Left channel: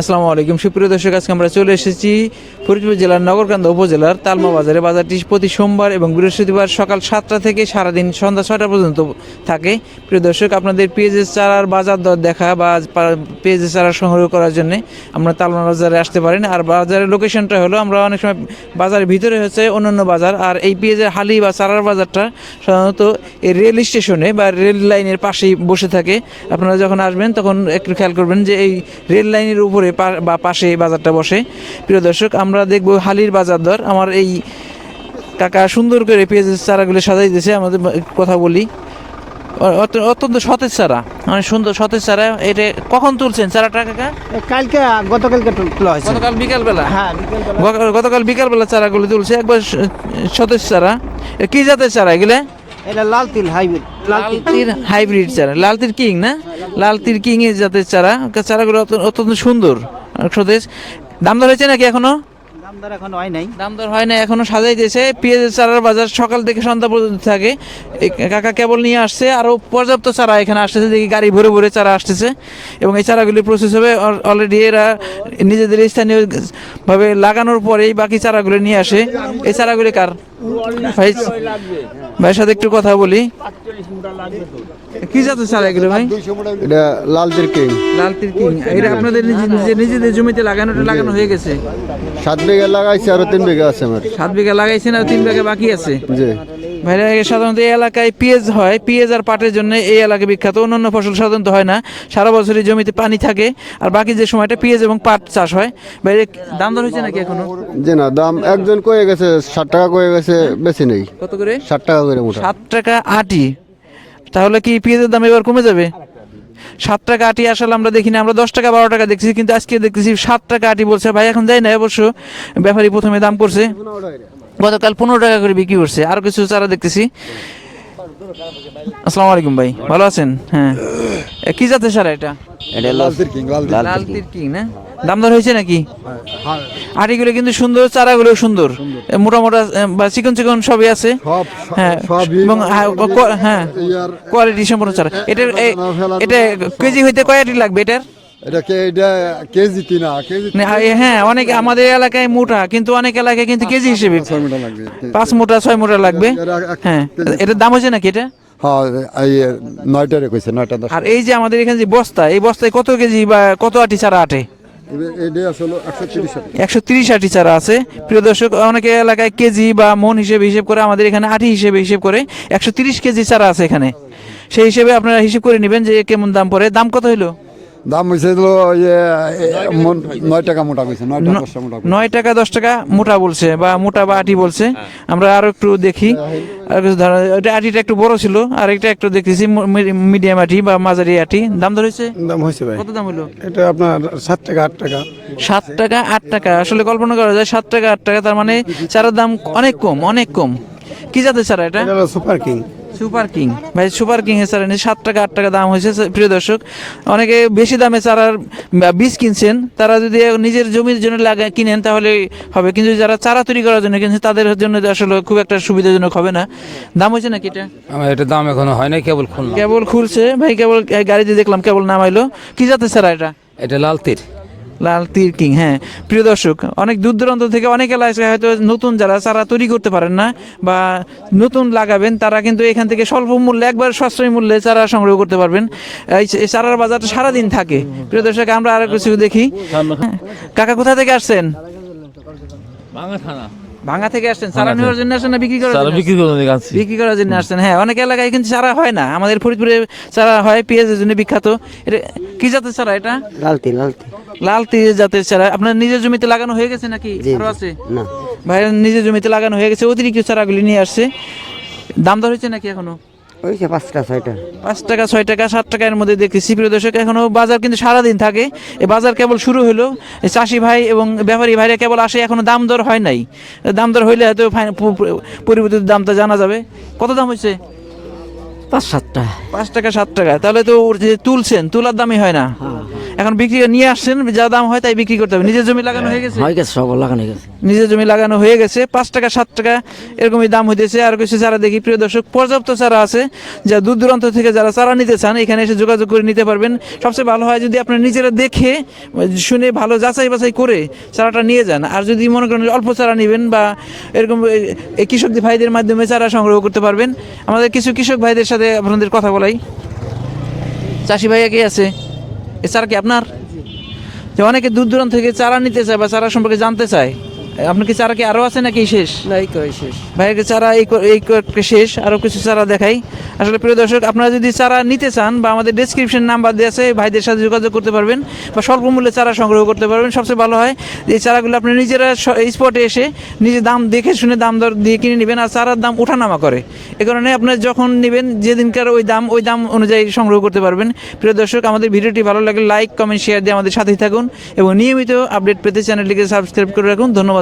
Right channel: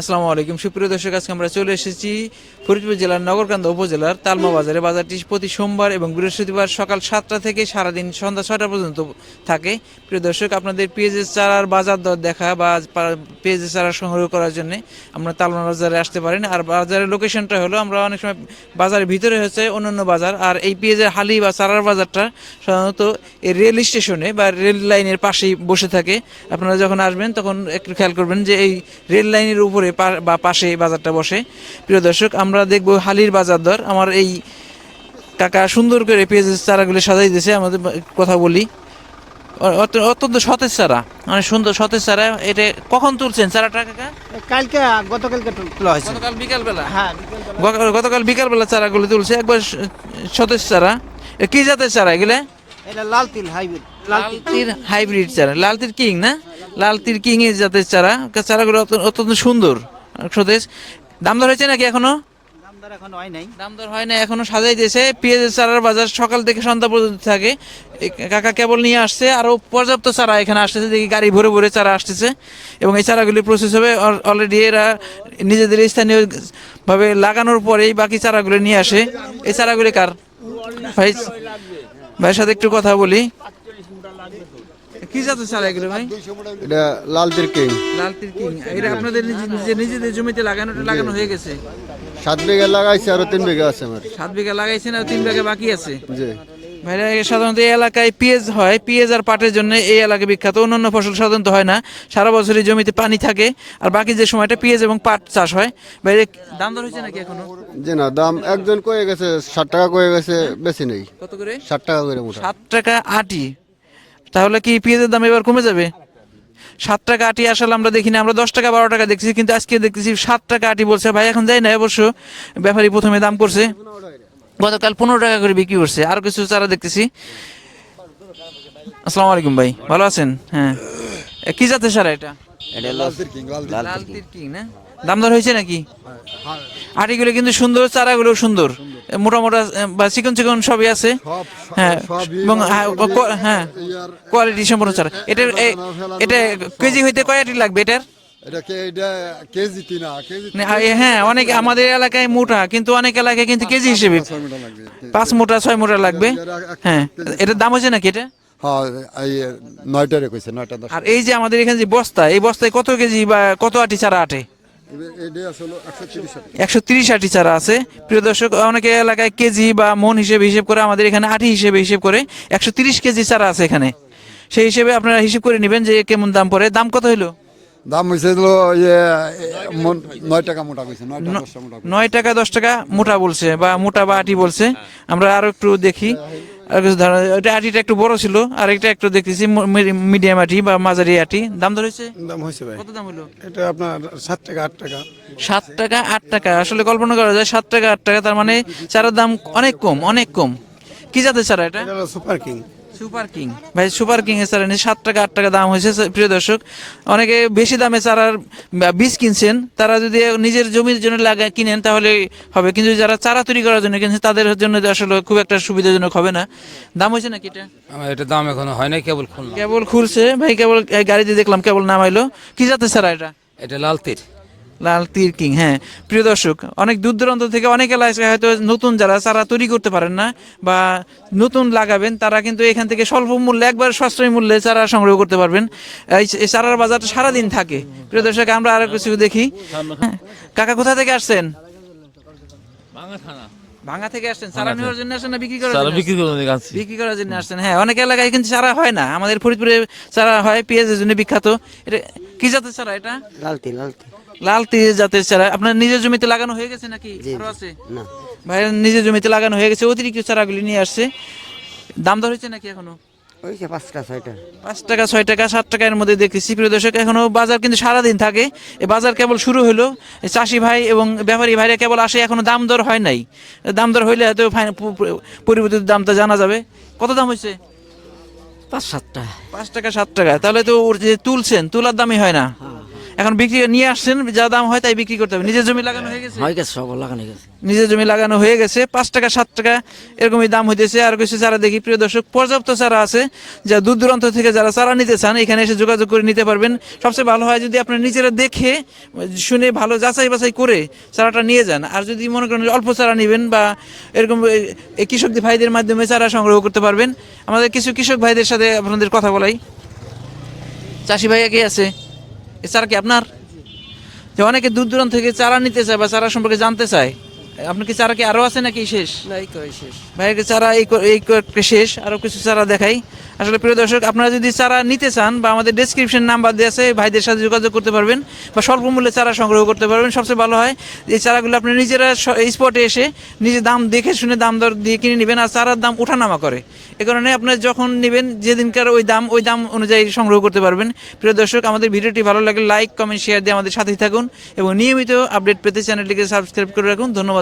আসসালামু আলাইকুম। সুপ্রিয় দর্শক, আজকে আমরা চলে এসেছি ফরিদপুর জেলার নগরকান্দা উপজেলার তালমা বাজারে বাজারটি প্রতি সোমবার এবং বৃহস্পতিবার সকাল সাতটা থেকে সারাদিন সন্ধ্যা ছয়টা পর্যন্ত থাকে। প্রিয় দর্শক, আপনাদের পেঁয়াজের চারার বাজার দর দেখা বা পেঁয়াজের চারা সংগ্রহ করার জন্য আমরা তালমা বাজারে আসতে পারেন। আর বাজারের লোকেশনটা হলো, আমরা অনেক সময় বাজারের ভিতরে হচ্ছে অন্যান্য বাজার। আর এই পেঁয়াজের হালি বা চারার বাজারটা সাধারণত এই রেল স্টেশনে বা রেল লাইনের পাশেই বসে থাকে। আপনারা যখন আসবেন, তখন একটু খেয়াল করবেন যে এই রেল লাইনের উপরে পা- বা পাশে বাজারটা বসে। প্রিয় দর্শক আমরা দেখব হালির বাজার দর। আমার এই কাকা সুন্দর করে পেঁয়াজের চারাগুলো সাজাই দিয়েছে। আমাদের কথা বলি। অত্যন্ত সতেজ চারা। মানে সুন্দর সতেজ চারা। এটা কখন তুলছেন চারাটা কাকা? কালকে গতকালকে তোলা হয়েছে। গতকাল বিকালবেলা? হ্যাঁ গতকাল বিকালবেলা চারাগুলো তুলছে। একবার সতেজ চারা। কি জাতের চারা এগুলো? এটা লাল তিল হাইব্রিড লাল তিল। হাইব্রিড চারা। লালতির কিং না? লালতির কিং এর জাতের চারা। চারাগুলো অত- অত্যন্ত সুন্দর। আর দাম ধরেছে হয়েছে নাকি এখনও? দর এখন হয় নাই। দাম হয় না এখনও সাজাইতেছে। পেঁয়াজের চারার বাজার সকাল থেকে সন্ধ্যা পর্যন্ত থাকে। কাকা কেবল নিয়ে আসছে, আরও পর্যাপ্ত চারা এখানে আসতেছে। দেখি গাড়ি ভরে ভরে চারা আসতেছে। এবং এই চারাগুলি প্রসেস হবে অলরেডি এরা নিজেদের স্থানীয় ভাবে লাগানোর পরেই বাকি চারাগুলো নিয়ে আসে। এই চারাগুলি কার? ভাই, ভাইয়ের সাথে একটু কথা বলি। কি জাতের চারা এগুলো ভাই? এটা লাল কিং। লাল তির কিং। এটা আপনাদের নিজে- নিজে- নিজেদের জমিতে লাগানোটা লাগানো হয়ে গেছে? সাত বিঘা লাগাইছে আরও তিন বিঘা আছে আমার। সাত বিঘা লাগাইছেন আর তিন বিঘা বাকি আছে? জি। ভাইরা সাধারণত এই এলাকায় পেঁয়াজ হয়। পেঁয়াজ আর পাটের জন্য এই এলাকা বিখ্যাত। অন্যান্য ফসল সাধারণত হয় না। সারা বছরই জমিতে পানি থাকে। আর বাকি যে সময়টা পেঁয়াজ এবং পাট চাষ হয়। বাইরে দাম দর হয়েছে নাকি এখনও? যে না দাম একজন কয়ে গেছে ষাট টাকা কয়ে গেছে বেশি নেই। কত করে? ষাট টাকা করে মোটা। সাত টাকা আটি। তাহলে কি পেঁয়াজের দাম এবার কমে যাবে? সাত টাকা আটি আসলে আমরা দেখি না আমরা দশ টাকা বারো টাকা দেখছি কিন্তু আজকে দেখতেছি সাত টাকা আটি বলছে। ভাই এখন যাই না অবশ্য ব্যাপারী প্রথমে দাম করছে। গতকাল পনেরো টাকা করে বিক্রি করছে আরও কিছু চারা দেখতেছি। আসসালামু আলাইকুম ভাই ভালো আছেন? হ্যাঁ। কি জাতের সারা এটা? লাল তীর কিং না? দাম দর হয়েছে নাকি? আটিগুলো কিন্তু সুন্দর চারাগুলো সুন্দর। এ, মোটা মোটা বা চিকন চিকন সবই আছে। হ্যাঁ এবং হ্যাঁ, হ্যাঁ কোয়ালিটি সম্পূর্ণ চারা। এটা এটা কেজি হইতে কয়টি লাগবে এটার? এ- হ্যাঁ অনেক আমাদের এলাকায় মোটা কিন্তু অনেক এলাকায় কিন্তু কেজি হিসেবে পাঁচ মোটা ছয় মোটা লাগবে। হ্যাঁ এটার দাম হচ্ছে নাকি এটা? হ্যাঁ আর এই যে আমাদের এখানে যে বস্তা এই বস্তায় কত কেজি বা কত আটি চারা আটে? একশো তিরিশ আটি। চারা আছে। প্রিয় দর্শক, অনেকে এলাকায় কেজি বা মন হিসেবে হিসেব করে, আমাদের এখানে আটি হিসেবে হিসেব করে একশো তিরিশ কেজি চারা আছে এখানে। সেই হিসেবে আপনারা হিসেব করে নেবেন যে কেমন দাম পড়ে। দাম কত হলো দাম হয়েছে নয় টাকা মোটা কইছে। নয় টাকা দশ টাকা মোটা বলছে বা মোটা বা আটি বলছে। আমরা আরও একটু দেখি। আর কিছু ধারণা ওটা আটিটা একটু বড় ছিল আর এটা একটু দেখতেছি মিডিয়াম আটি বা মাঝারি আটি। দাম ধর হয়েছে দাম হয়েছে ভাই। কত দাম হলো এটা আপনার সাত টাকা আট টাকা। সাত টাকা আট টাকা। আসলে কল্পনা করা যায় সাত টাকা আট টাকা তার মানে চারার দাম অনেক কম অনেক কম। কি জাতের চারা এটা? এটা সুপার কিং। Super king. ভাই সুপার কিং এর চারা সাত টাকা আট টাকা দাম হয়েছে প্রিয় দর্শক। অনেকে বেশি দামে চারার বীজ কিনছেন তারা যদি নিজের জমির জন্য লাগা কিনেন তাহলে হবে। কিন্তু যারা চারা তৈরি করার জন্য কিনছেন তাদের জন্য আসলে খুব একটা সুবিধাজনক হবে না। দাম হয়েছে নাকি এটা? আমার এটা দাম এখনও হয় নাই কেবল খুললাম। কেবল খুলছে। ভাই কেবল এই গাড়িতে দেখলাম কেবল নামাইলো। কি জাতের চারা এটা? এটা লাল তীর। লাল তীর কিং হ্যাঁ। প্রিয় দর্শক অনেক দূর দূরান্ত থেকে অনেক এলাকায় হয়তো নতুন যারা চারা তৈরি করতে পারেন না বা নতুন লাগাবেন তারা কিন্তু এখান থেকে স্বল্প মূল্যে একবার সাশ্রয়ী মূল্যে চারা সংগ্রহ করতে পারবেন। এই চারার বাজারটা সারাদিন থাকে। প্রিয় দর্শক আমরা আরও কিছু দেখি কাকা কোথা থেকে আসছেন? ভাঙা থেকে আসছেন সারা নেওয়ার জন্য আসেন না বিক্রি করার জন্য? বিক্রি করার জন্য আসছেন বিক্রি করার জন্য আসছেন। হ্যাঁ অনেক এলাকায় কিন্তু সারা হয় না। আমাদের ফরিদপুরে সারা হয় পেঁয়াজের জন্য বিখ্যাত। এটা কি জাতের সারা এটা? লাল তিল লাল তিল লাল তিল জাতের সারা আপনার নিজের জমিতে লাগানো হয়ে গেছে নাকি? আরও আছে? না। ভাই নিজের জমিতে লাগানো হয়ে গেছে অতিরিক্ত চারাগুলি নিয়ে আসছে। দাম দর হয়েছে নাকি এখনও? ওইছে ছয় টাকা। পাঁচ টাকা, ছয় টাকা, সাত টাকার মধ্যে দেখতেছি। প্রিয় দর্শক, এখনও বাজার কিন্তু সারাদিন থাকে। এই বাজার কেবল শুরু হলো। চাষি ভাই এবং ব্যাপারী ভাইরা কেবল আসে, এখনও দাম দর হয় নাই। দাম দর হইলে হয়তো পরিবর্তিত দামটা জানা যাবে। কত দাম হয়েছে? পাঁচ সাতটা পাঁচ টাকা সাত টাকা। তাহলে তো ওর যে তুলছেন তুলার দামই হয় না। এখন বিক্রি নিয়ে আসছেন যা দাম হয় তাই বিক্রি করতে হবে। নিজের জমি লাগানো হয়ে গেছে? হয়ে গেছে সব লাগানো গেছে। নিজের জমি লাগানো হয়ে গেছে পাঁচ টাকা সাত টাকা এরকমই দাম হইতেছে। আর কিছু চারা দেখি প্রিয় দর্শক পর্যাপ্ত চারা আছে যা দূর দূরান্ত থেকে যারা চারা নিতে চান এখানে এসে যোগাযোগ করে নিতে পারবেন। সবচেয়ে ভালো হয় যদি আপনি নিজেরা দেখে শুনে ভালো যাচাই বাছাই করে চারাটা নিয়ে যান। আর যদি মনে করেন অল্প চারা নেবেন বা এরকম কৃষক ভাইদের মাধ্যমে চারা সংগ্রহ করতে পারবেন আমাদের কিছু কৃষক ভাইদের সাথে আপনাদের কথা বলাই। চাষি ভাইয়া কে আছে? এ কি আপনার? অনেকে দূর দূরান্ত থেকে চারা নিতে চায় বা চারা সম্পর্কে জানতে চায়। আপনার কি চারা কি আরও আছে নাকি শেষ? নাই করে শেষ। ভাইয়ের চারা এই এই শেষ? আরও কিছু চারা দেখাই। আসলে প্রিয় দর্শক আপনারা যদি চারা নিতে চান বা আমাদের ডিসক্রিপশন নাম্বার দেওয়া আছে ভাইদের সাথে যোগাযোগ করতে পারবেন বা স্বল্প মূল্যে চারা সংগ্রহ করতে পারবেন। সবচেয়ে ভালো হয় এই চারাগুলো আপনি নিজেরা স্পটে এসে নিজে দাম দেখে শুনে দাম দর দিয়ে কিনে নেবেন আর চারার দাম ওঠানামা করে। এ কারণে আপনার যখন নেবেন যেদিনকার ওই দাম ওই দাম অনুযায়ী সংগ্রহ করতে পারবেন। প্রিয় দর্শক আমাদের ভিডিওটি ভালো লাগলে লাইক কমেন্ট শেয়ার দিয়ে আমাদের সাথেই থাকুন এবং নিয়মিত আপডেট পেতে চ্যানেলটিকে সাবস্ক্রাইব করে রাখুন।